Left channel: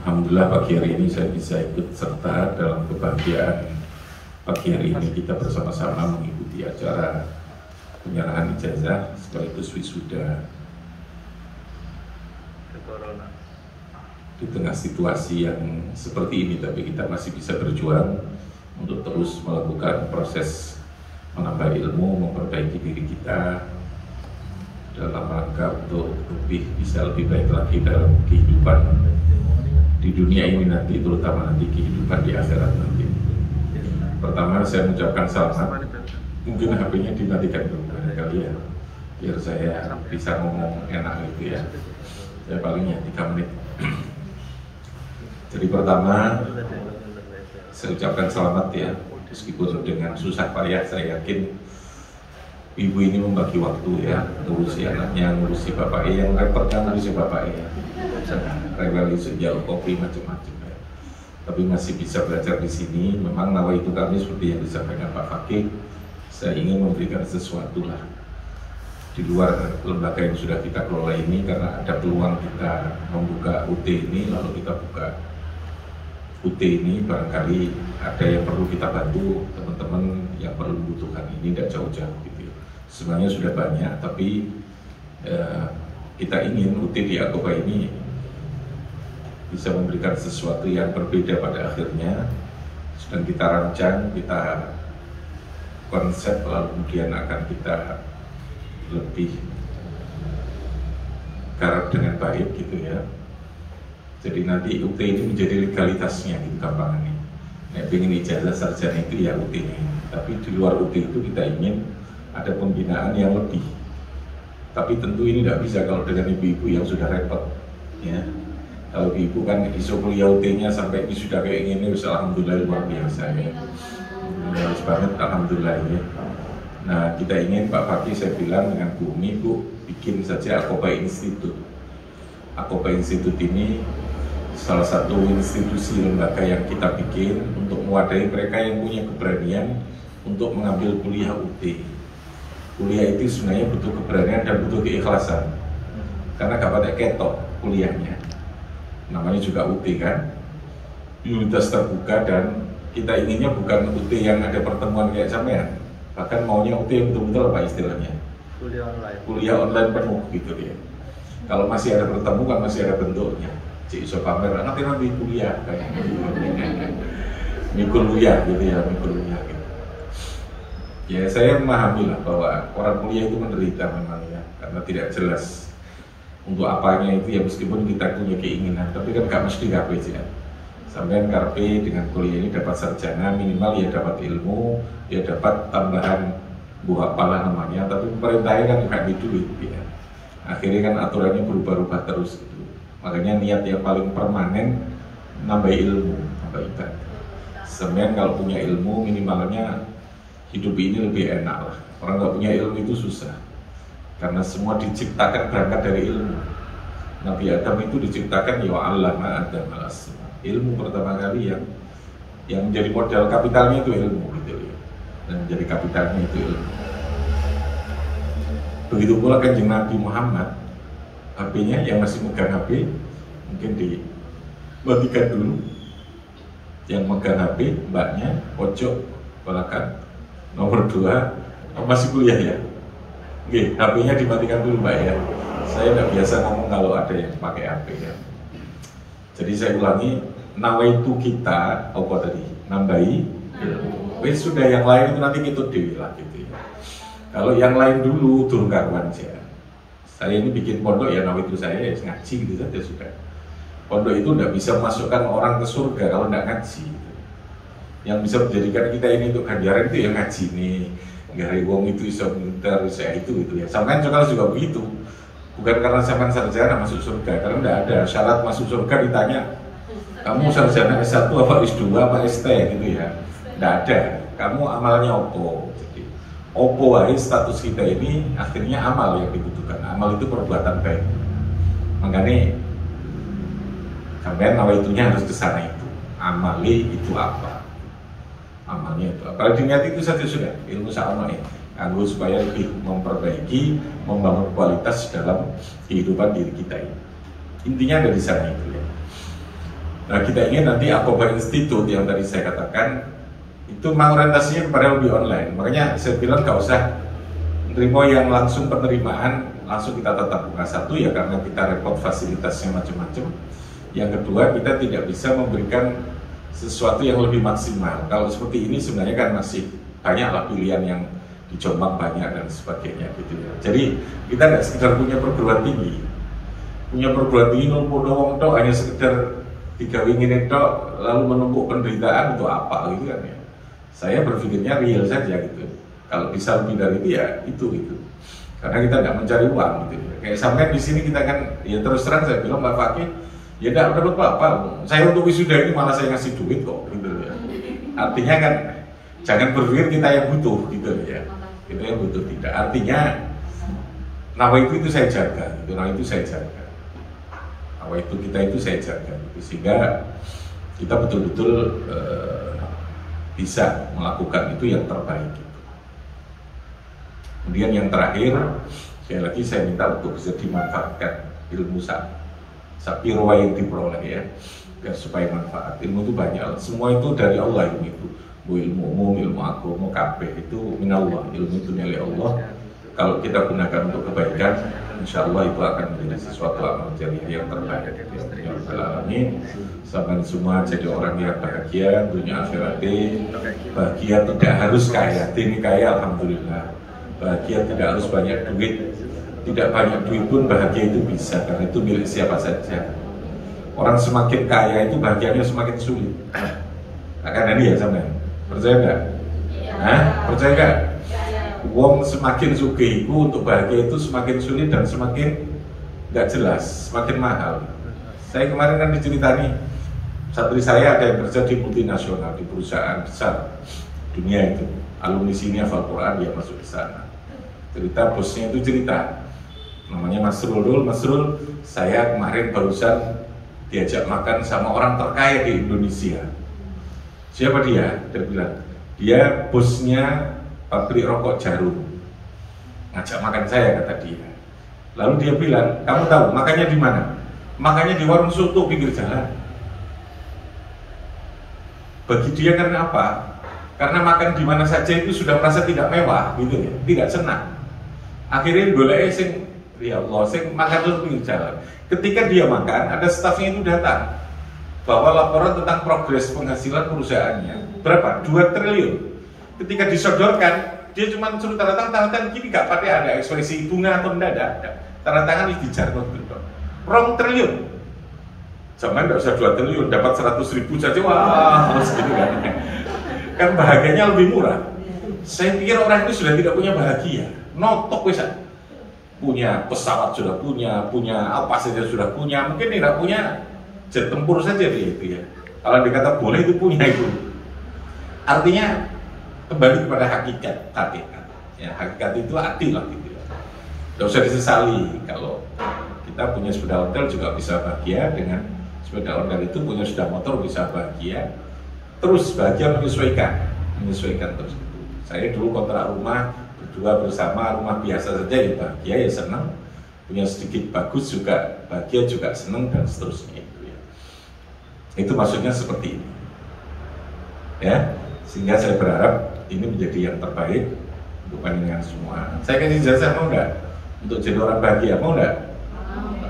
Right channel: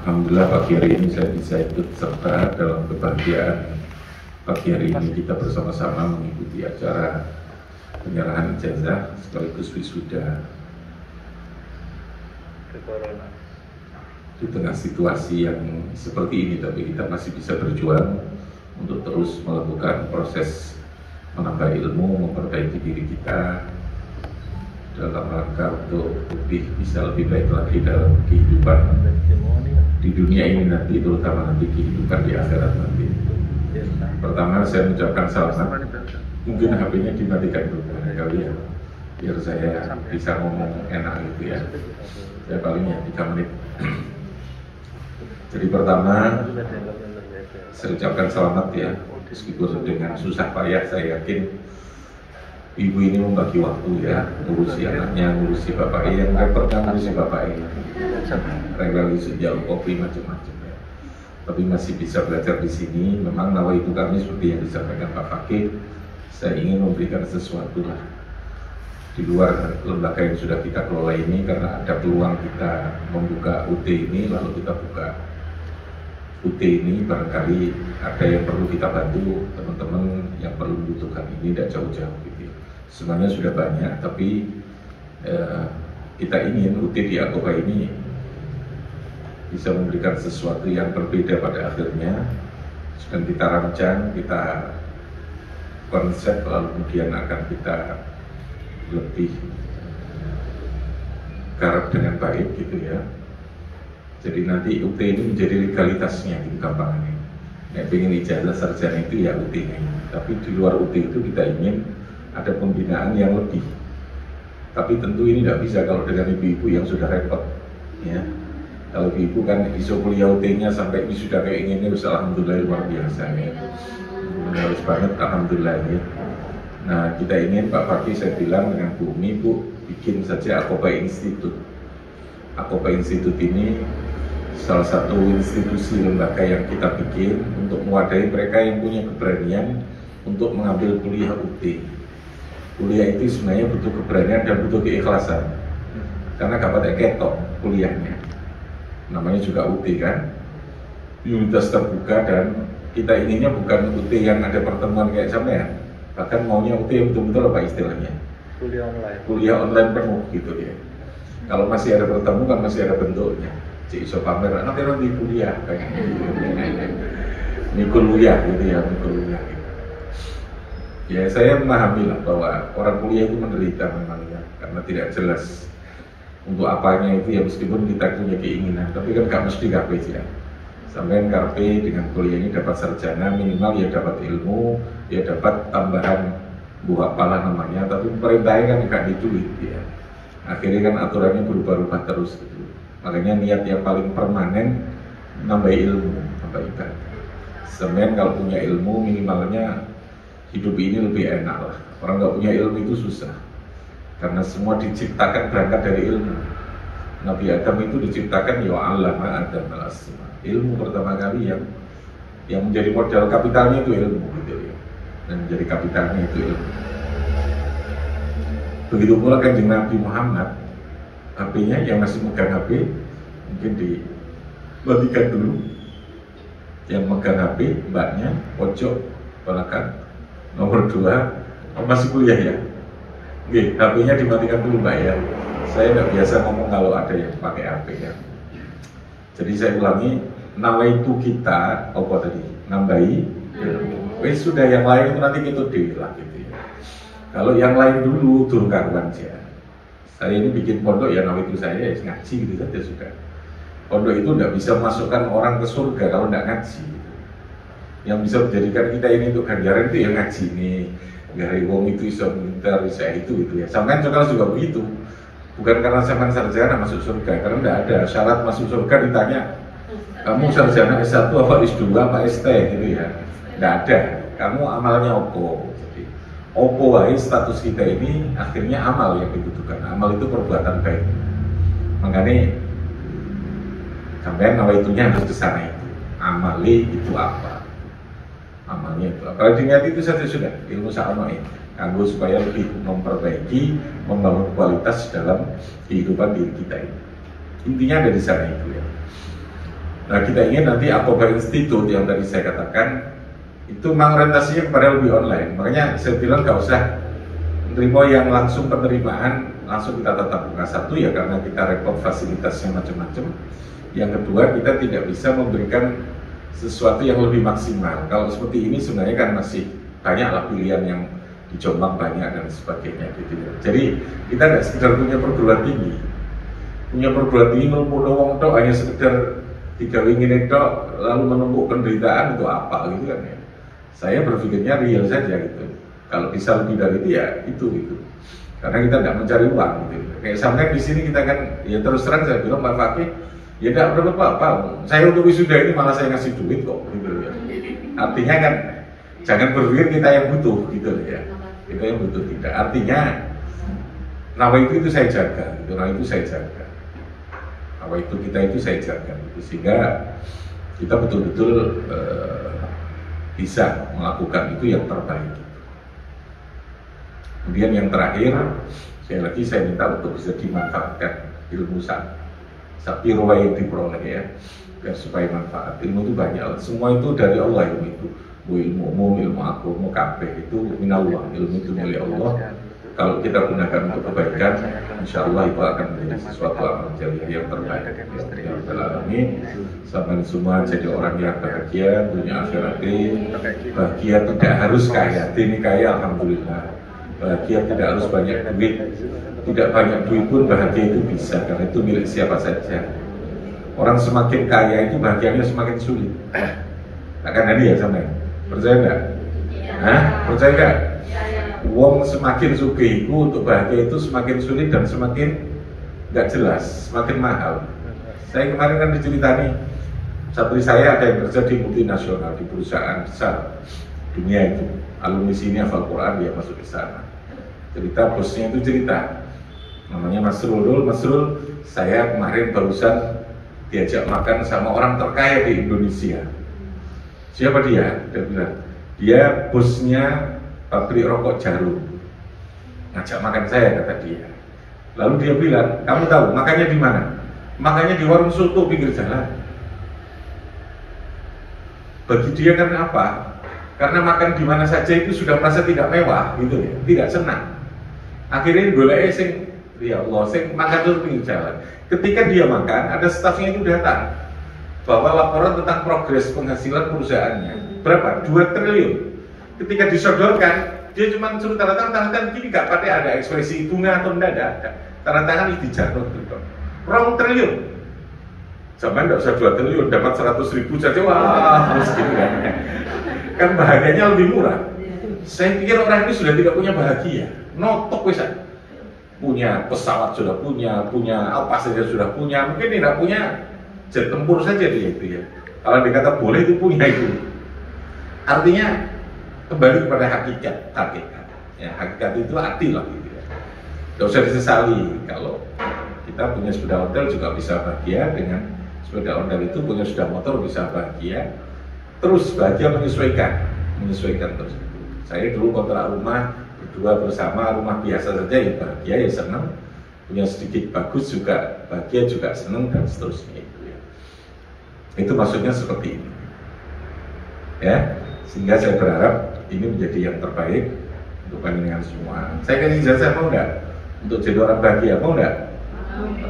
Alhamdulillah pagi hari ini saya bisa ikut serta dalam kebahagiaan pagi hari ini kita bersama-sama mengikuti acara penyerahan ijazah sekaligus wisuda di tengah situasi yang seperti ini, tapi kita masih bisa berjuang untuk terus melakukan proses menambah ilmu, memperbaiki diri kita dalam rangka untuk bisa lebih baik lagi dalam kehidupan di dunia ini nanti, terutama nanti kehidupan di akhirat nanti. Pertama saya mengucapkan selamat, mungkin HP-nya dimatikan dulu barangkali ya, biar saya bisa ngomong enak gitu ya. Saya palingnya 3 menit. Jadi pertama saya ucapkan selamat ya, meskipun dengan susah payah saya yakin ibu ini membagi waktu ya, ngurusi anaknya, ngurusi bapak yang repotnya ngurusi bapak rewel sejauh kopi macam-macam ya. Tapi masih bisa belajar di sini. Memang nawaitu kami seperti yang disampaikan Pak Fakih, saya ingin memberikan sesuatu lah di luar lembaga yang sudah kita kelola ini, karena ada peluang kita membuka UT ini, lalu kita buka UT ini, barangkali ada yang perlu kita bantu teman-teman yang perlu membutuhkan ini, tidak jauh-jauh gitu ya. Sebenarnya sudah banyak, tapi kita ingin UT di Aqobah ini bisa memberikan sesuatu yang berbeda pada akhirnya. Sedang kita rancang, kita konsep, lalu kemudian akan kita lebih garap dengan baik gitu ya. Jadi nanti UT ini menjadi legalitasnya gitu gampangannya. Ya, pengen ijazah sarjana itu ya UT-nya ini. Tapi di luar UT itu kita ingin ada pembinaan yang lebih. Tapi tentu ini tidak bisa kalau dengan ibu-ibu yang sudah repot ya. Kalau ibu kan iso kuliah UT-nya sampai wisuda kayak gini, alhamdulillah luar biasa ya. Harus banget alhamdulillah ya. Nah kita ingin Pak Fakih, saya bilang dengan Bu Umi, Bu bikin saja Aqobah Institute. Aqobah Institute ini salah satu institusi lembaga yang kita bikin untuk mewadahi mereka yang punya keberanian untuk mengambil kuliah UT. Kuliah itu sebenarnya butuh keberanian dan butuh keikhlasan, karena gak pada ketok kuliahnya. Namanya juga UT kan, universitas terbuka, dan kita inginnya bukan UT yang ada pertemuan kayak sampean, bahkan maunya UT yang betul-betul apa istilahnya? Kuliah online penuh gitu dia. Kalau masih ada bertemu kan masih ada bentuknya. Cik iso pamer, nanti kuliah kayak mikul kuliah gitu ya, mikul kuliah gitu. Ya saya memahami lah bahwa orang kuliah itu menderita memang ya, karena tidak jelas untuk apanya itu ya, meskipun kita punya keinginan, tapi kan gak mesti KP ya. Sampai KP dengan kuliah ini dapat sarjana, minimal ya dapat ilmu, ya dapat tambahan buah pala namanya, tapi pemerintahnya kan gak di duit ya. Akhirnya kan aturannya berubah-ubah terus gitu. Makanya niat yang paling permanen nambah ilmu, nambah ibadah. Sebenarnya kalau punya ilmu minimalnya hidup ini lebih enak lah. Orang nggak punya ilmu itu susah, karena semua diciptakan berangkat dari ilmu. Nabi Adam itu diciptakan ya allama Adam al-asma. Ilmu pertama kali yang menjadi modal kapitalnya itu ilmu gitu ya. Dan menjadi kapitalnya itu ilmu. Begitu pula Kanjeng Nabi Muhammad, HP-nya yang masih megang HP mungkin dimatikan dulu. Yang megang HP mbaknya pojok belakang nomor 2, masih kuliah ya. Oke, HP-nya dimatikan dulu mbak ya. Saya nggak biasa ngomong kalau ada yang pakai HP ya. Jadi saya ulangi, nawaitu kita apa tadi? Nambahi ilmu. Sudah yang lain itu nanti kita dewi lah gitu ya. Kalau yang lain dulu turun karuan aja. Saya ini bikin pondok ya nawaitu saya ya ngaji gitu saja sudah. Pondok itu nggak bisa masukkan orang ke surga kalau nggak ngaji. Yang bisa menjadikan kita ini untuk ganjaran itu yang ngaji nih. Gari wong itu bisa pintar, bisa itu ya. Sampai juga begitu. Bukan karena sampai sarjana masuk surga, karena tidak ada syarat masuk surga ditanya kamu sarjana S1 apa S2 apa ST gitu ya. Tidak ada. Kamu amalnya opo. Jadi opo wae status kita ini akhirnya amal yang dibutuhkan. Amal itu perbuatan baik. Makanya sampai nawaitunya harus ke sana itu. Amali itu apa? Amalnya itu. Kalau diniat itu saja sudah ilmu sa'ano'i. Anggo supaya lebih memperbaiki, membangun kualitas dalam kehidupan diri kita ini. Intinya dari sana itu ya. Nah, kita ingin nanti Aqobah Institute yang tadi saya katakan itu memang orientasinya kepada lebih online. Makanya saya bilang nggak usah menerima yang langsung penerimaan langsung kita tatap muka. Satu ya karena kita repot fasilitasnya macam-macam. Yang kedua kita tidak bisa memberikan sesuatu yang lebih maksimal. Kalau seperti ini sebenarnya kan masih banyaklah pilihan yang di Jombang banyak dan sebagainya gitu ya. Jadi kita nggak sekedar punya perguruan tinggi, ngumpul wong tok hanya sekedar tiga ingin itu lalu menumpuk penderitaan untuk apa gitu kan ya. Saya berpikirnya real saja gitu. Kalau bisa lebih dari itu ya itu gitu. Karena kita nggak mencari uang gitu. Kayak sampai di sini kita kan ya terus terang saya bilang Pak Fakih ya nggak dapat apa-apa. Saya untuk wisuda ini malah saya ngasih duit kok gitu ya. Artinya kan jangan berpikir kita yang butuh gitu ya. Kita yang butuh tidak. Artinya nama itu saya jaga gitu. Nama itu saya jaga. Nama itu kita itu saya jaga gitu. Sehingga kita betul-betul bisa melakukan itu yang terbaik gitu. Kemudian yang terakhir sekali lagi saya minta untuk bisa dimanfaatkan ilmu sapirwa yang diperoleh ya, biar supaya manfaat. Ilmu itu banyak, semua itu dari Allah ilmu itu. Ilmu umum, ilmu agama, kabeh itu minallah, ilmu itu milik Allah. Kalau kita gunakan untuk kebaikan, insya Allah itu akan menjadi sesuatu amal jariah yang terbaik. Ya Rabbal Alamin, sampai semua jadi orang yang bahagia dunia akhirat. Bahagia tidak harus kaya, ini kaya alhamdulillah. Bahagia tidak harus banyak duit, tidak banyak duit pun bahagia itu bisa karena itu milik siapa saja. Orang semakin kaya itu bahagianya semakin sulit. Akan ada ya sama ya? Percaya nggak? Hah? Percaya nggak? Wong semakin sugihiku untuk bahagia itu semakin sulit dan semakin nggak jelas, semakin mahal. Saya kemarin kan diceritani satri saya ada yang kerja di multinasional di perusahaan besar dunia itu, alumni sini hafal Quran dia masuk ke sana. Cerita bosnya itu cerita, namanya Mas Rul. Mas Rul, saya kemarin barusan diajak makan sama orang terkaya di Indonesia. Siapa dia? Dia bilang dia bosnya pabrik rokok Jarum, ngajak makan saya kata dia. Lalu dia bilang, kamu tahu makannya di mana? Makannya di warung soto pinggir jalan. Bagi dia karena apa? Karena makan di mana saja itu sudah merasa tidak mewah gitu ya, tidak senang. Akhirnya digolek sing ya Allah, sing makan di pinggir jalan. Ketika dia makan, ada stafnya itu datang bahwa laporan tentang progres penghasilan perusahaannya berapa? 2 triliun. Ketika disodorkan, dia cuma suruh tanda tangan gini, nggak pakai ada ekspresi bunga atau tidak ada. Tanda tangan ini dijarut gitu. 2 triliun. Zaman nggak usah 2 triliun, dapat 100.000 saja, wah harus gini kan. Kan bahagianya lebih murah. Saya pikir orang ini sudah tidak punya bahagia. Notok bisa. Punya pesawat sudah punya apa saja sudah punya. Mungkin tidak punya jet tempur saja dia itu ya. Kalau dikata boleh itu punya itu. Artinya kembali kepada hakikat. Ya, hakikat itu hati lah gitu ya. Tidak usah disesali kalau kita punya sepeda hotel juga bisa bahagia dengan sepeda hotel itu, punya sepeda motor bisa bahagia. Terus bahagia menyesuaikan terus. Saya dulu kontrak rumah berdua bersama, rumah biasa saja ya bahagia ya senang. Punya sedikit bagus juga bahagia juga senang dan seterusnya itu ya. Itu maksudnya seperti ini. Ya, sehingga saya berharap ini menjadi yang terbaik untuk panjenengan semua. Saya kasih jasa mau enggak? Untuk jadi orang bahagia mau enggak?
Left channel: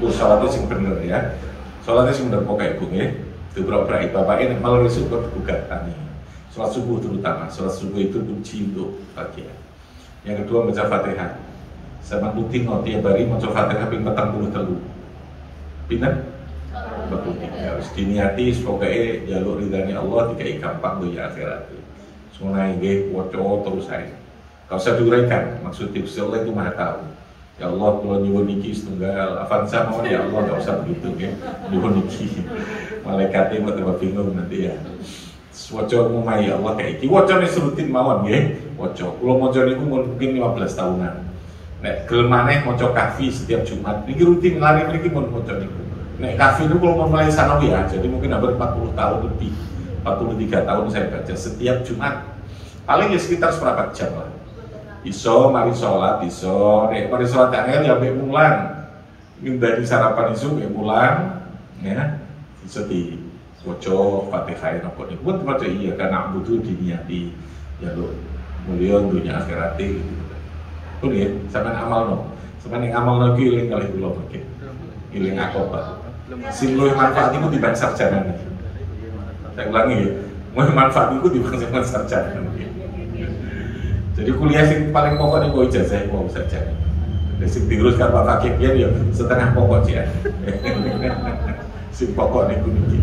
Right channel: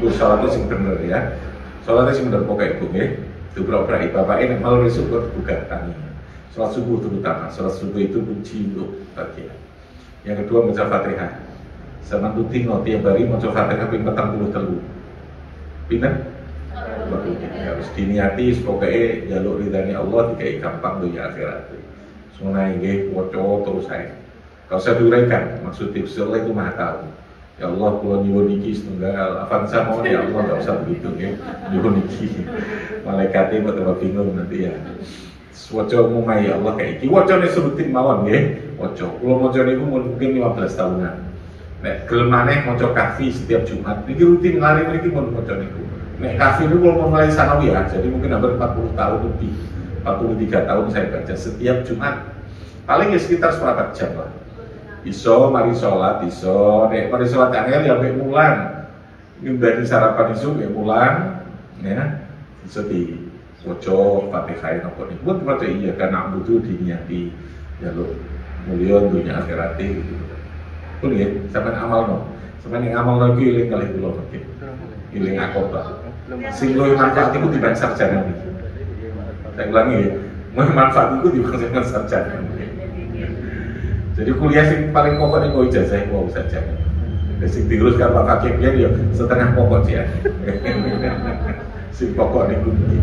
Untuk sholatnya sing bener ya. Sholatnya sing bener pokoknya ibu nggih. Itu berai bapak ini malu risuk berbuka tani. Sholat subuh terutama. Sholat subuh itu kunci untuk bahagia. Yang kedua baca Fatihah. Sama rutin tiap hari maca Fatihah ping 43. Pinten? Bagusnya harus diniati pokoknya jaluk ridhani Allah dikai gampang dunia akhirat. Sunai nggih waca terus saya. Kalau saya duraikan maksud tips Allah itu Maha tahu. Ya Allah kula nyuwun iki setunggal avanza mawon ya Allah enggak usah begitu nggih. Nyuwun iki. Malaikate kok tambah bingung nanti ya. Waca umum ya Allah kayak iki wacane serutin mawon nggih. Waca kula maca niku mungkin 15 tahunan. Nek gelem maneh maca kafi setiap Jumat. Niki rutin lari mriki mun maca niku. Nek kafi itu kalau mulai sanawi ya, jadi mungkin hampir 40 tahun lebih, 43 tahun saya baca setiap Jumat. Paling ya sekitar seperempat jam lah. Iso, mari sholat, iso. Nek mari sholat angel ya sampai mulan. Mimbani sarapan iso ya mulan, ya. Iso di waca Fatihah napa niku pun maca iya karena butuh diniati jaluk mulya dunya akhirat gitu. Pun ya sampean amalno. Sampeyan yang amalno iki eling kalih kula mungkin. Eling akobah. Sing luwih manfaat iku timbang sarjana niki. Saya ulangi ya, luwih manfaat iku timbang sarjana mungkin. Jadi kuliah sing paling pokok niku ijazah mau saja. Sing diuruskan Pak Fakih ya setengah pokok dia. Sing pokok niku niki.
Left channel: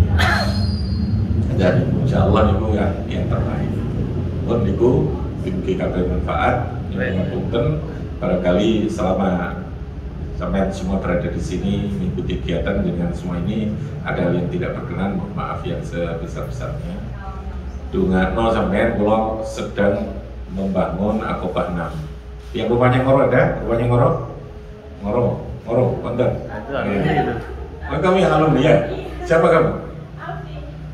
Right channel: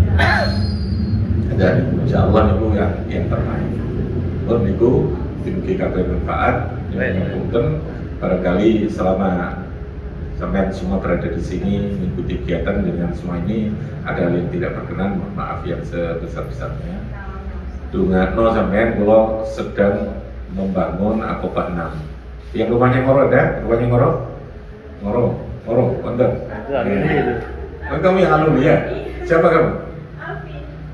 Dan insyaallah niku yang terbaik. Pun niku mugi kabeh manfaat yang punten barangkali selama sampai semua berada di sini mengikuti kegiatan dengan semua ini ada hal yang tidak berkenan, mohon maaf yang sebesar-besarnya. Dungakno sampean kula sedang membangun Aqobah 6. Yang rumahnya Ngoro ada? Rumahnya Ngoro, konten. Oh, kamu yang alumni ya? Siapa kamu?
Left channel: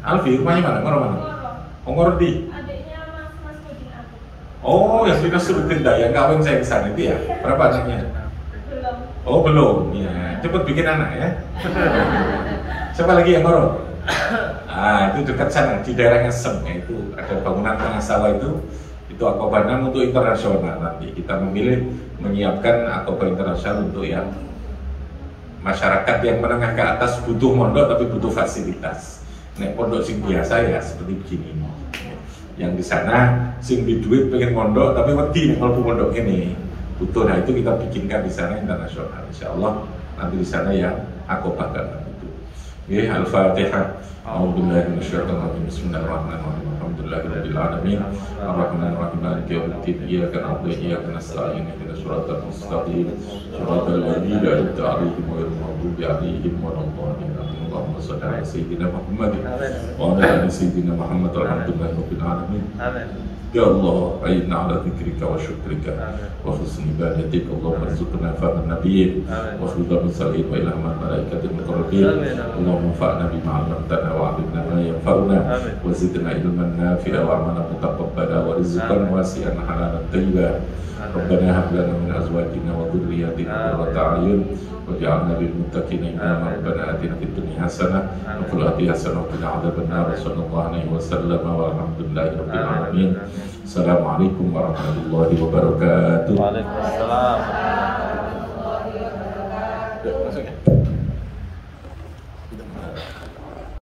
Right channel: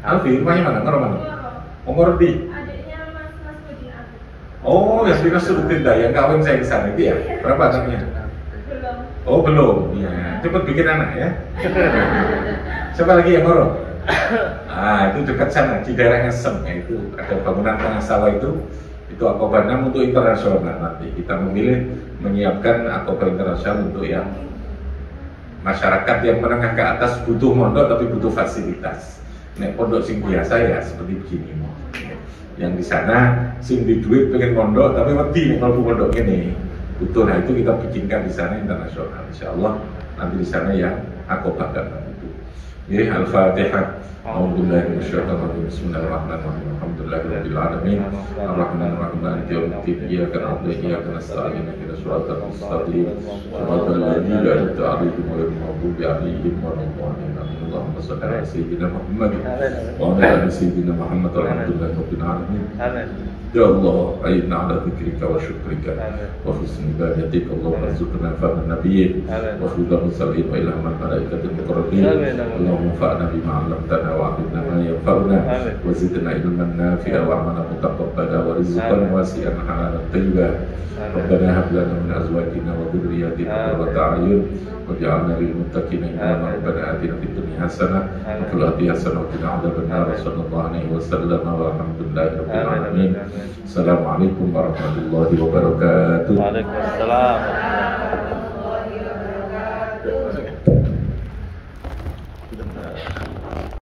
Alfi, rumahnya mana? Ngoro mana? Oh, Ngoro di? Adiknya Mas Budi. Oh, ya sudah Surutin dah, yang kawin saya kesana itu ya? Berapa anaknya? Belum. Oh, belum, ya. Cepat bikin anak ya. Siapa lagi yang Ngoro? Ah, itu dekat sana, di daerah Ngesem ya, itu ada bangunan tengah sawah itu Aqobah 6 untuk internasional. Nanti kita memilih menyiapkan Aqobah internasional untuk yang masyarakat yang menengah ke atas butuh mondok tapi butuh fasilitas. Nek pondok sing biasa ya seperti begini. Yang di sana sing di duit pengen mondok tapi wedi nek mlebu pondok ini butuh. Nah itu kita bikinkan di sana internasional. Insyaallah nanti di sana ya Aqobah kan itu. Ya Al-Fatihah. A'udzubillahi minasyaitonir rajim. Bismillahirrahmanirrahim. Alhamdulillahirabbil alamin. Arrahmanirrahim. Maliki yaumiddin. Iyyaka na'budu wa iyyaka nasta'in. Ihdinas siratal mustaqim. Siratal ladzina an'amta 'alaihim ghairil maghdubi 'alaihim waladdallin. Allahumma shalli 'ala sayyidina Muhammad wa 'ala ali sayyidina Muhammad. Alhamdulillahirabbil alamin. Amin. Ya Allah, a'inna 'ala dzikrika wa syukrika wa husni ibadatik. Allahumma arzuqna fahman nabiyyin wa hifdzal mursalin wa ilhamal malaikatil muqarrabin. Allahumma fa'na bima 'allamtana wa 'allimna ma yanfa'una wa zidna ilman nafi'a wa 'amalan mutaqabbala wa rizqan wasi'an halalan thayyiban. Rabbana hab lana min azwajina wa dhurriyyatina qurrata a'yun waj'alna lil muttaqina imama. Rabbana atina fid dunya hasanah wa fil akhirati hasanah wa qina adzabannar. Sallallahu alaihi wasallam walhamdulillahirabbil alamin. Assalamualaikum warahmatullahi wabarakatuh. Waalaikumsalam warahmatullahi wabarakatuh.